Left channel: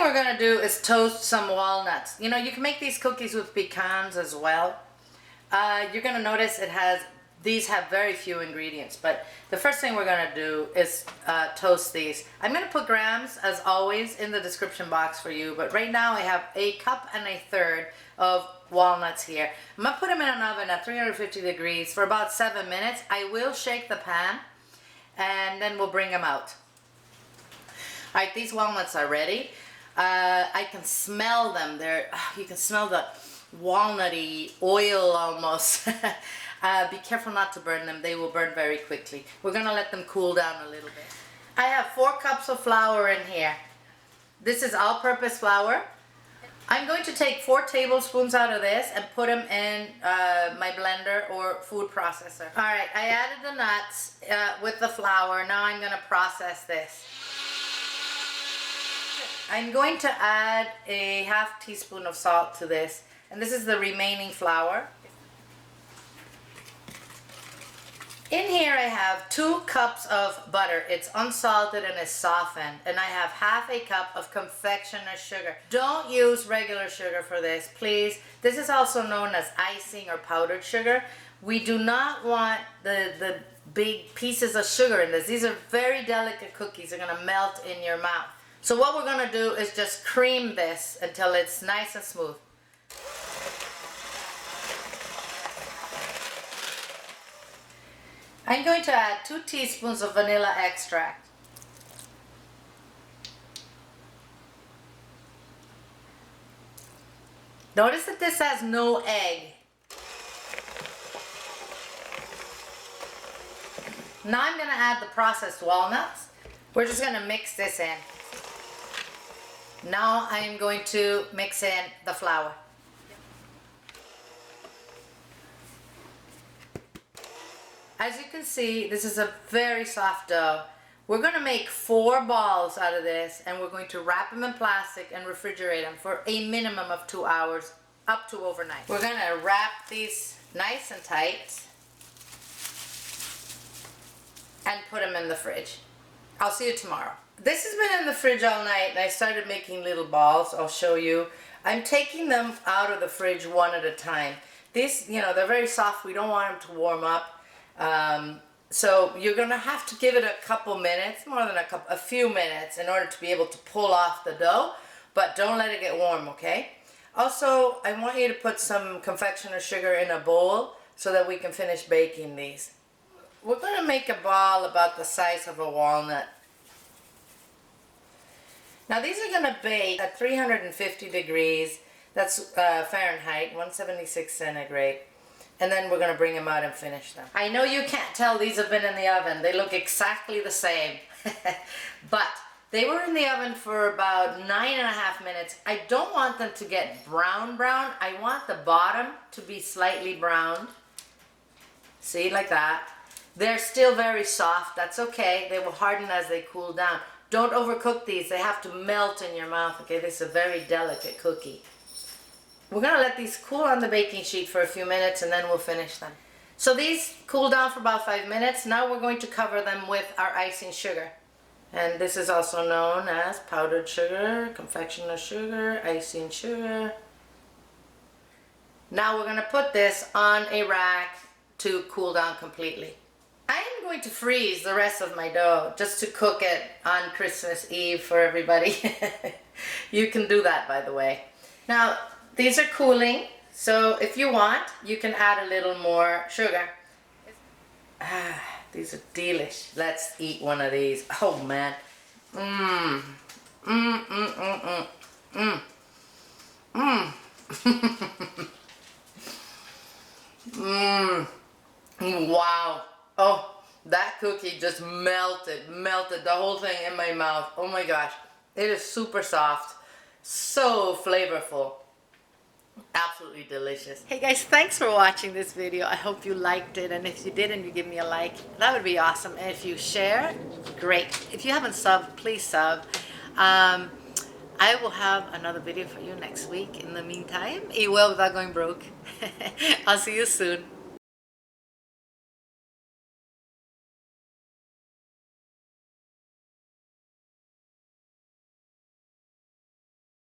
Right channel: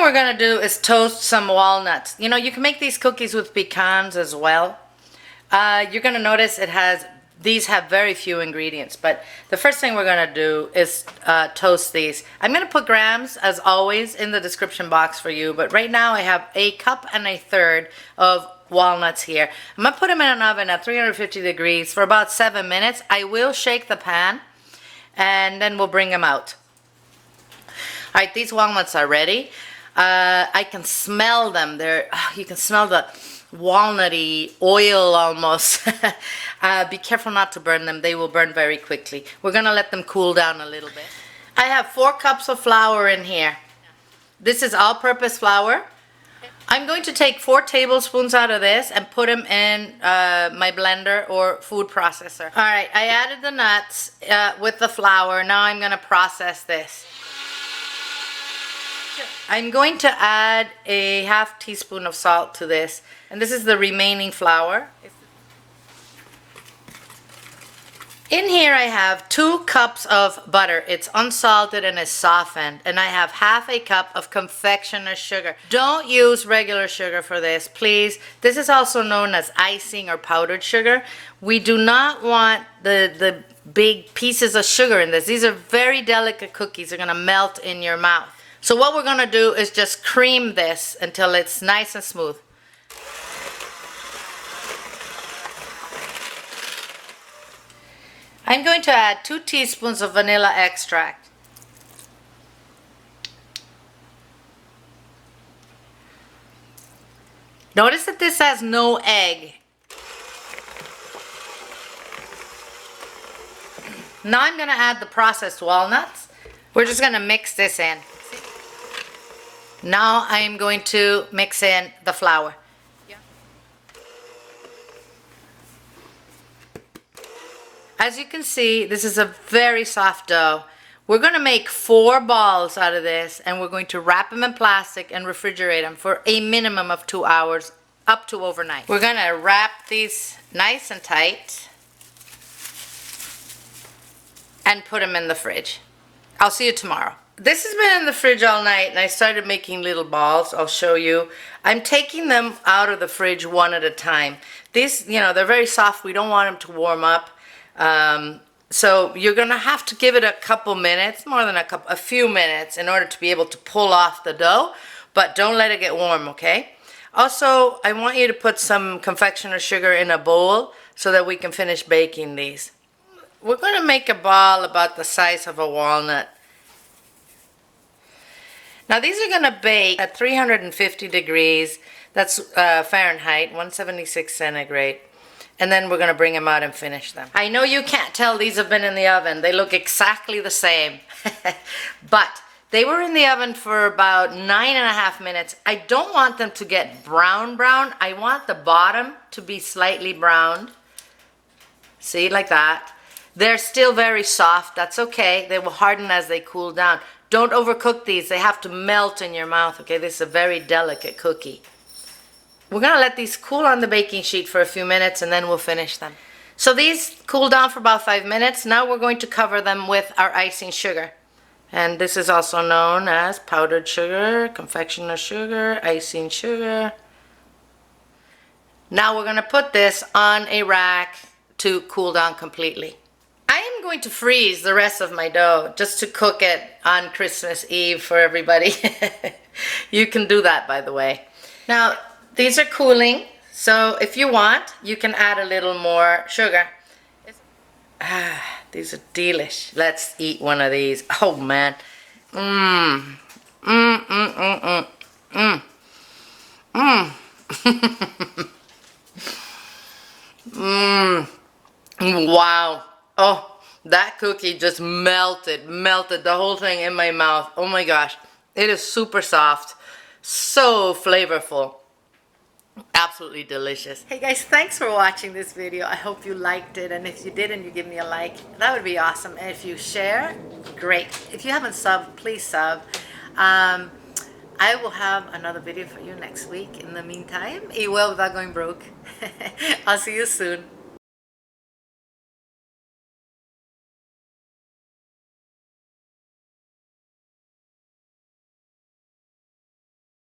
thing we're gonna do is toast some walnuts. You know, you can make these cookies with pecans as well. You're gonna notice these have very few ingredients, but the first thing we're gonna do is toast these. I'm gonna put grams, as always, in the description box for you, but right now I have 1.3 cups of walnuts here. I'm gonna put them in an oven at 350 degrees for about 7 minutes. I will shake the pan, and then we'll bring them out. All right, these walnuts are ready. I can smell them. You can smell the walnutty oil almost. Be careful not to burn them. They will burn very quickly. We're gonna let them cool down a little bit. I have 4 cups of flour in here. This is all-purpose flour. I'm going to take 4 tablespoons out of this and put them in my blender or food processor. All right, I added the nuts with the flour. Now I'm gonna process this. I'm going to add a 1/2 teaspoon of salt to this, and this is the remaining flour. In here I have 2 cups of butter. It's unsalted and it's softened, and I have 1/2 cup of confectioner sugar. Don't use regular sugar for this, please. This is also known as icing or powdered sugar. We do not want the big pieces of sugar in this. These are very delicate cookies. They're gonna melt in your mouth. So what we're gonna do is just cream this until it's nice and smooth. I'm going to add 2 teaspoons of vanilla extract. Notice that this has no egg. Now I'm gonna add the processed walnuts. We're just gonna mix this in. Now I am going to mix in the flour. As you can see, this is a very soft dough. We're going to make 4 balls out of this, and we're going to wrap them in plastic and refrigerate them for a minimum of 2 hours, up to overnight. We're going to wrap these nice and tight and put them in the fridge. I'll see you tomorrow. This has been in the fridge all night, and I started making little balls. I'll show you. I'm taking them out of the fridge one at a time. These, you know, they're very soft. We don't want them to warm up. So you're gonna have to give it a couple minutes, more than a few minutes, in order to be able to pull off the dough, but don't let it get warm, okay? Also, I want you to put some confectioner sugar in a bowl so that we can finish baking these. We're gonna make a ball about the size of a walnut. Now these are gonna bake at 350 degrees, that's Fahrenheit, 176 centigrade. And then we're going to bring them out and finish them. I know you can't tell these have been in the oven. They look exactly the same. But they were in the oven for about 9.5 minutes. I don't want them to get brown. I want the bottom to be slightly browned. See, like that. They're still very soft. That's okay. They will harden as they cool down. Don't overcook these. They have to melt in your mouth. Okay, this is a very delicate cookie. We're gonna let these cool on the baking sheet for a few minutes, and then we'll finish them. So these cool down for about 5 minutes. Now we're going to cover them with our icing sugar. And this is also known as powdered sugar, confectioner sugar, icing sugar. Now we're gonna put this on a rack to cool down completely. I am going to freeze the rest of my dough just to cook it on Christmas Eve for everybody. You can do that, by the way. Now, these are cooling, so if you want, you can add a little more sugar. These are delish. Let's eat one of these. Oh man. Wow. Oh, that cookie just melted the whole thing in my mouth. Oh my gosh. It is super soft, so flavorful. Absolutely delicious. Hey guys, thanks for watching this video. I hope you liked it, and if you did and you give me a like, that would be awesome. And if you share, great. If you haven't subbed, please sub. I will have another video for you next week. In the meantime, eat well without going broke. I'll see you soon.